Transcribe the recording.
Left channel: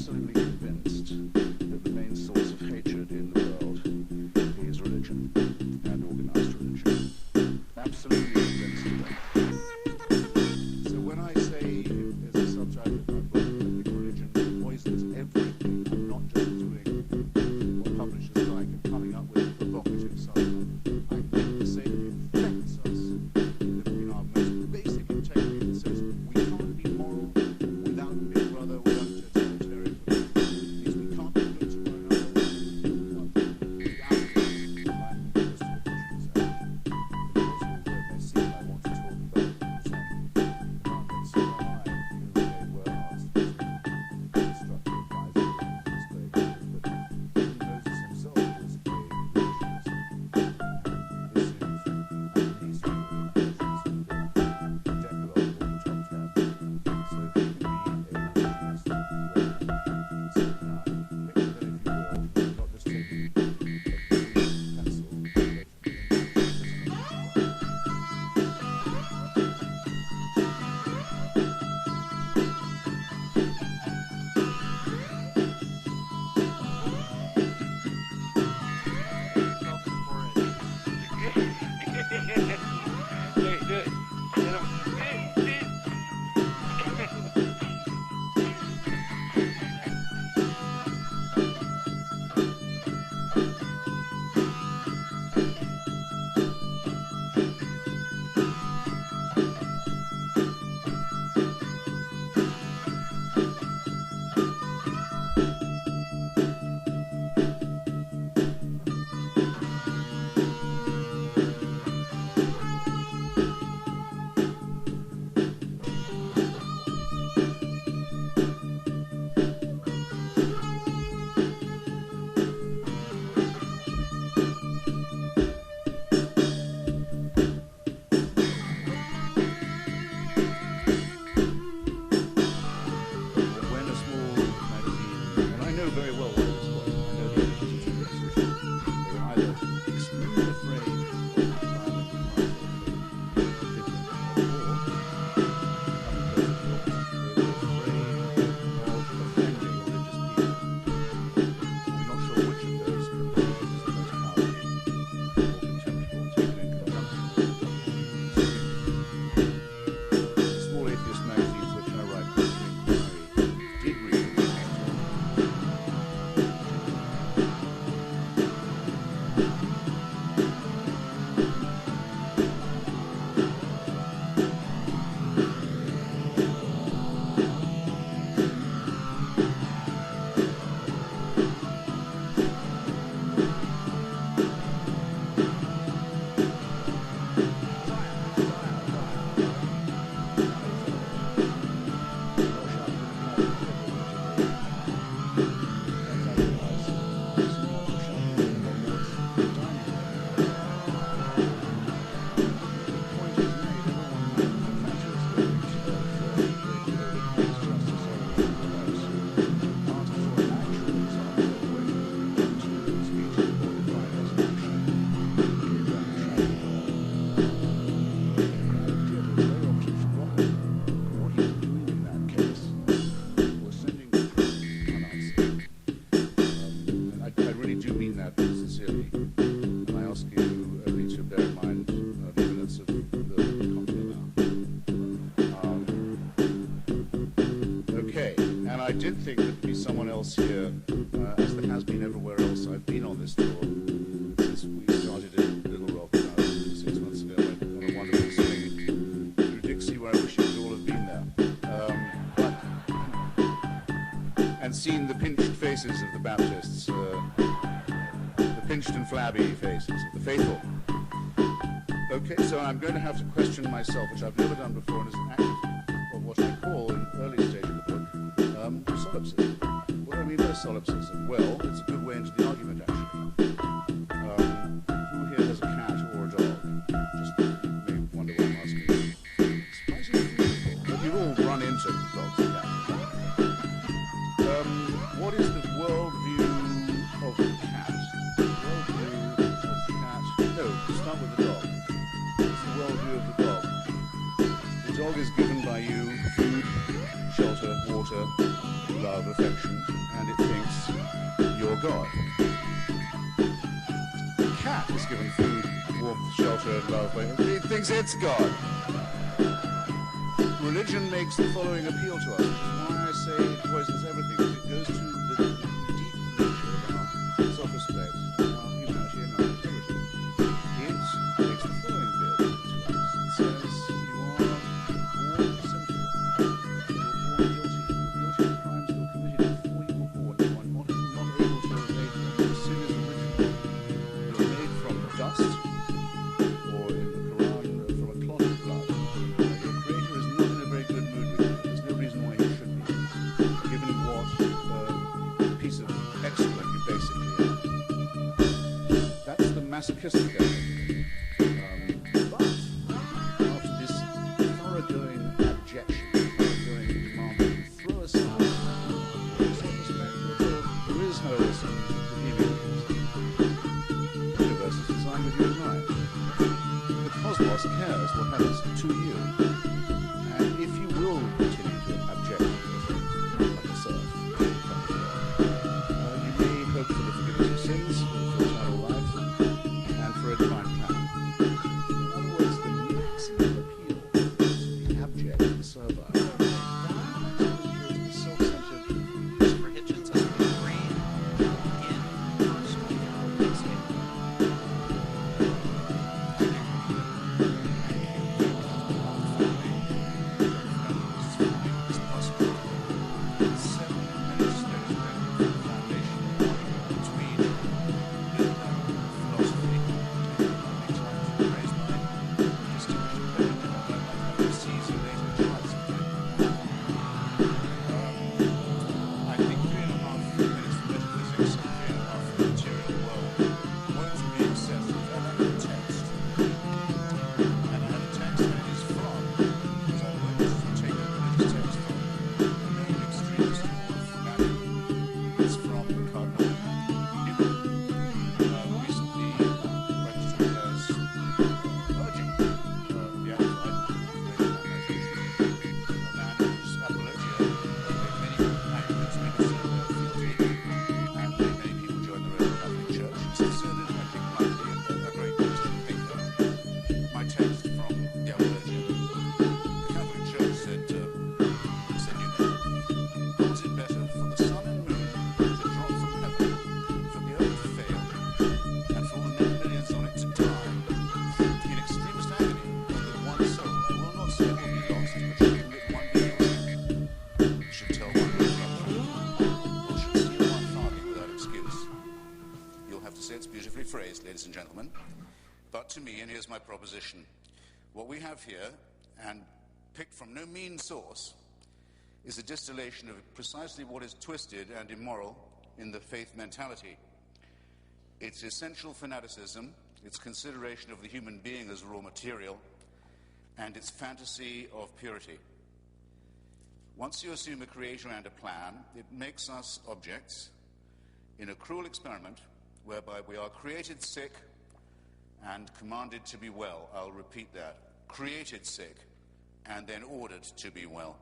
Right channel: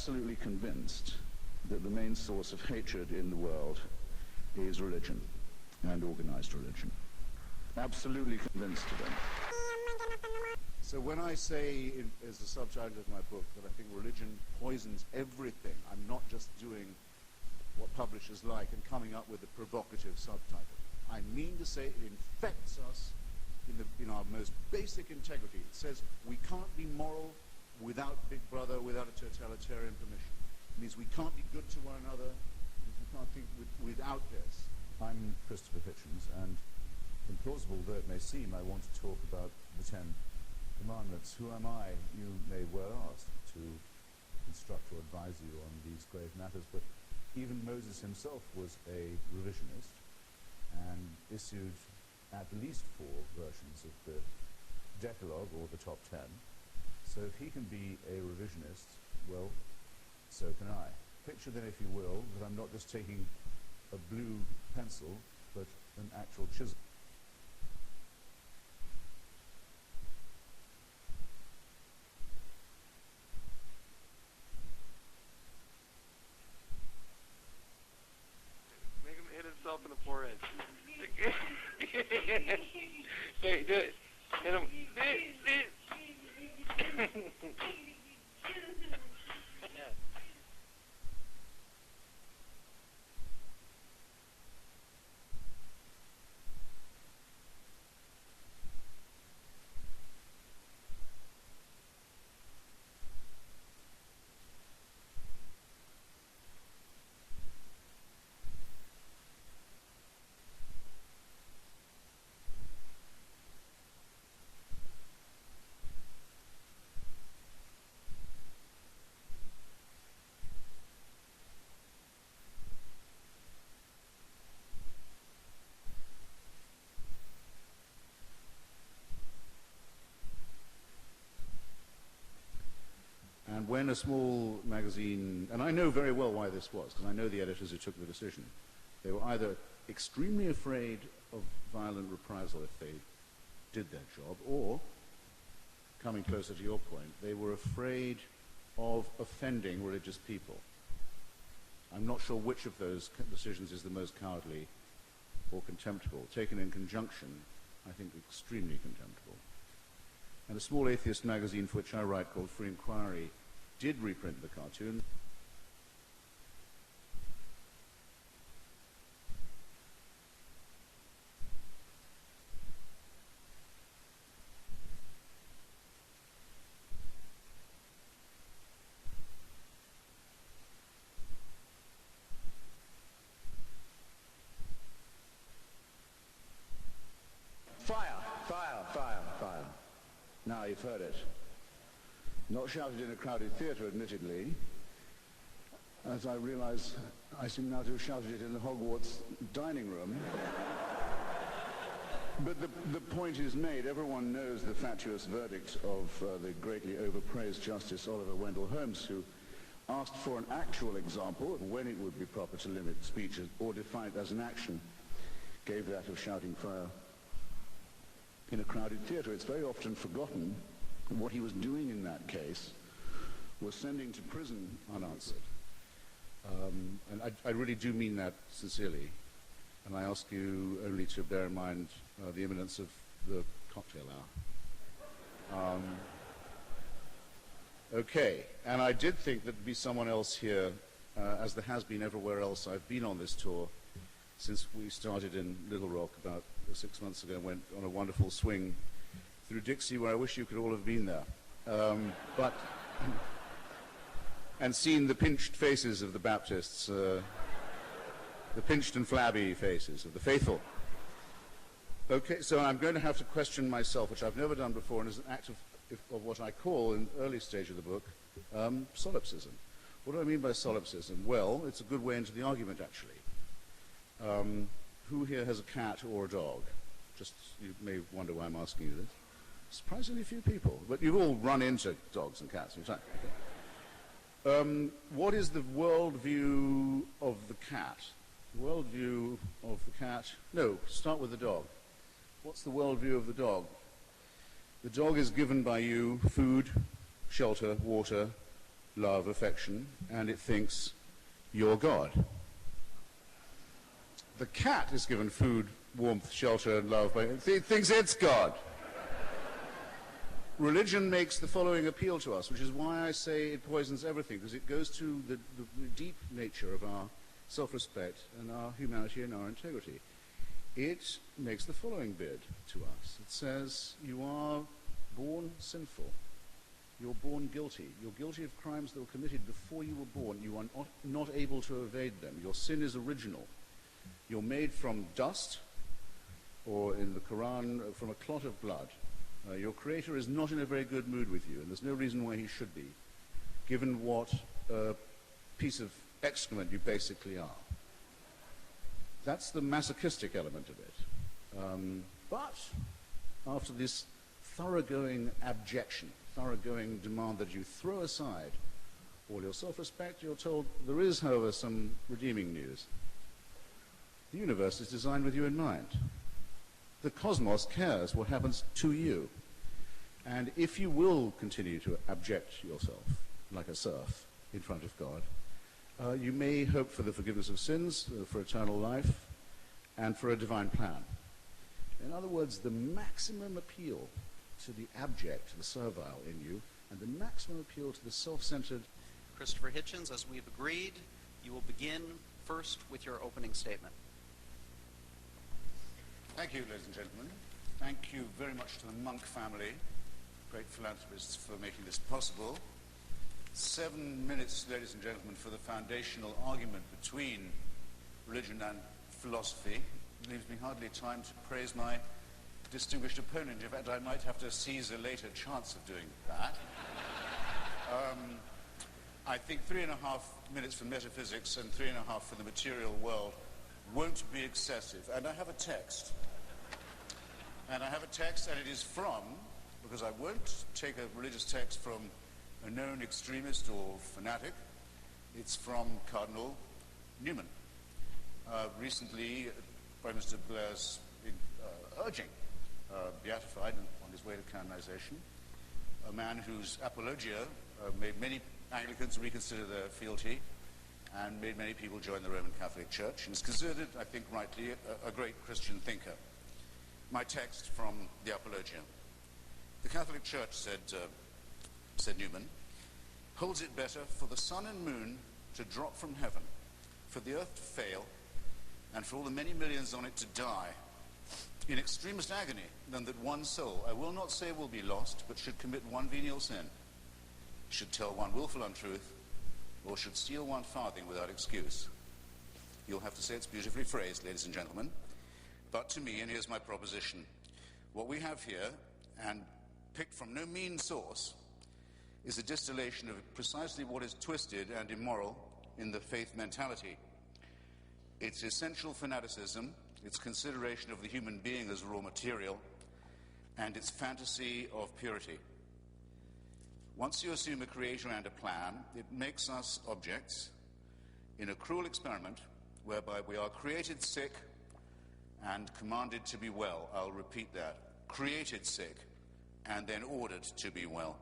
absolutely convinced that the main source of hatred in the world is religion, and organized religion. Absolutely convinced of it. So when I say, as a subtitle of my book, I think religion poisons everything, I'm not just doing what publishers like and coming up with a provocative subtitle. I mean to say it infects us in our most basic integrity that says we can't be moral without Big Brother, without totalitarian belief. It means we can't be good to one another, we can't be without it. I'm Christopher Hitchens, and in the plausible word may seem I want to talk about the Ten Commandments. Who am I? You may well ask to instruct or advise you on these grave matters, but even Moses himself was a religionist and issued at least 4 versions of the Decalogue or the top 10. So if he can be a religionist, well, so can I. Picture then, if you will, that I'm not just taking a blue pencil, but an actual chisel. Yourself in the forehead. Yeah, do it. Hit him. When a small magazine, and I know very well why this was, and I know the editors who took the decision, they were either extremely afraid of violent reprisal if they did that job, or, coming closer to your point, they were afraid of offending religious people. I'm not sure which of those decisions is the most cowardly or contemptible, taken in conjunction. The small atheist magazine for which I write, called Free Inquiry, did read it. Do mean that sincerely, and I ask you only to bear in mind the imminence of the cocktail hour. Okay, and I did think there'd be someone else here, as there has been everywhere else I've been on this tour, since we started in Little Rock about 6 months ago, went on a wonderful swing through Dixie, where I wish you could all have been there. And seen the pinched faces of the Baptists, the pinched and flabby faces of the faithful. Okay, so I'm going to have to question myself, which I've never done before, and is an act of what I call, in the early stage of the book, solipsism. What do I mean by solipsism? Well, it's a good way into the argument, actually. Who here has a cat or a dog? Just, you may wonder why I'm asking you. Surprisingly few people, but you've all run into dogs and cats, exactly. What is the worldview of the cat? Worldview of the cat? No, start with the dog. What's the worldview of the dog? The dog is given by you food, shelter, water, love, affection, and it thinks you're God. The cat is given food, warmth, shelter, and love, but it thinks it's God. Religion makes the following appeal to us, which is why I say it poisons everything, because it goes to the deep nature of our self-respect, and our humanity, and our integrity. It makes the following bid to us. It says, you are born sinful. You're born guilty. You're guilty of crimes that were committed before you were born. You are not able to evade them. Your sin is original. You're made from dust, or in the Quran, from a clot of blood. Your Creator is not in a very good mood with you. There's no reason why he should be, given what piece of excrement you basically are. That's the masochistic element of it. But after this thoroughgoing abjection, thoroughgoing demand that you throw aside all your self-respect, you're told there is, however, some redeeming news. The universe is designed with you in mind. The cosmos cares what happens to you. And if you will continue to abject yourself like a serf in front of God, you may hope for the forgiveness of sins, for eternal life, and for a divine plan. In other words, the maximum appeal to the abject, the servile, the maximum appeal to the self-centered. Christopher Hitchens, as we agreed, begin first with your opening statement. Thank you, President. Thank you very much to the Monk family, philanthropists, for making this possible. 7 minutes, ladies and gentlemen, for the foundational argument between religion and philosophy. Maybe hardly time to praise my distinguished opponent, in fact I might have to seize a later chance of doing that. I think 3.5 minutes for metaphysics and 3.5 for the material world won't be excessive, and I have a text. And it is from, because I won't take a religious text from a known extremist or fanatic. It's from Cardinal Newman. Recently, Protestant players urging beatified, his way of canonization, a man whose apologia made many Anglicans reconsider their fealty, and made many people join the Roman Catholic Church. It's considered, I think rightly, a great Christian thinker. My text from the Apologia. The Catholic Church said Newman, holds it better for the sun and moon to drop from heaven, for the earth to fail, and for all the many millions on it to die, in extremest agony, than that one soul, I will not say will be lost, but should commit one venial sin, should tell one willful untruth, or should steal one farthing without excuse. You'll have to say it's beautifully phrased, ladies and gentlemen. But to me, and here's my proposition, what we have here, and picked from no mean source, is a distillation of precisely what is twisted and immoral in the faith mentality. It's essential fanaticism, its consideration of the human being as raw material, and its fantasy of purity. Once you assume a creator and a plan, it makes us objects in a cruel experiment whereby we are created sick and commanded to be well. I'll repeat that. Created sick and then ordered to be well.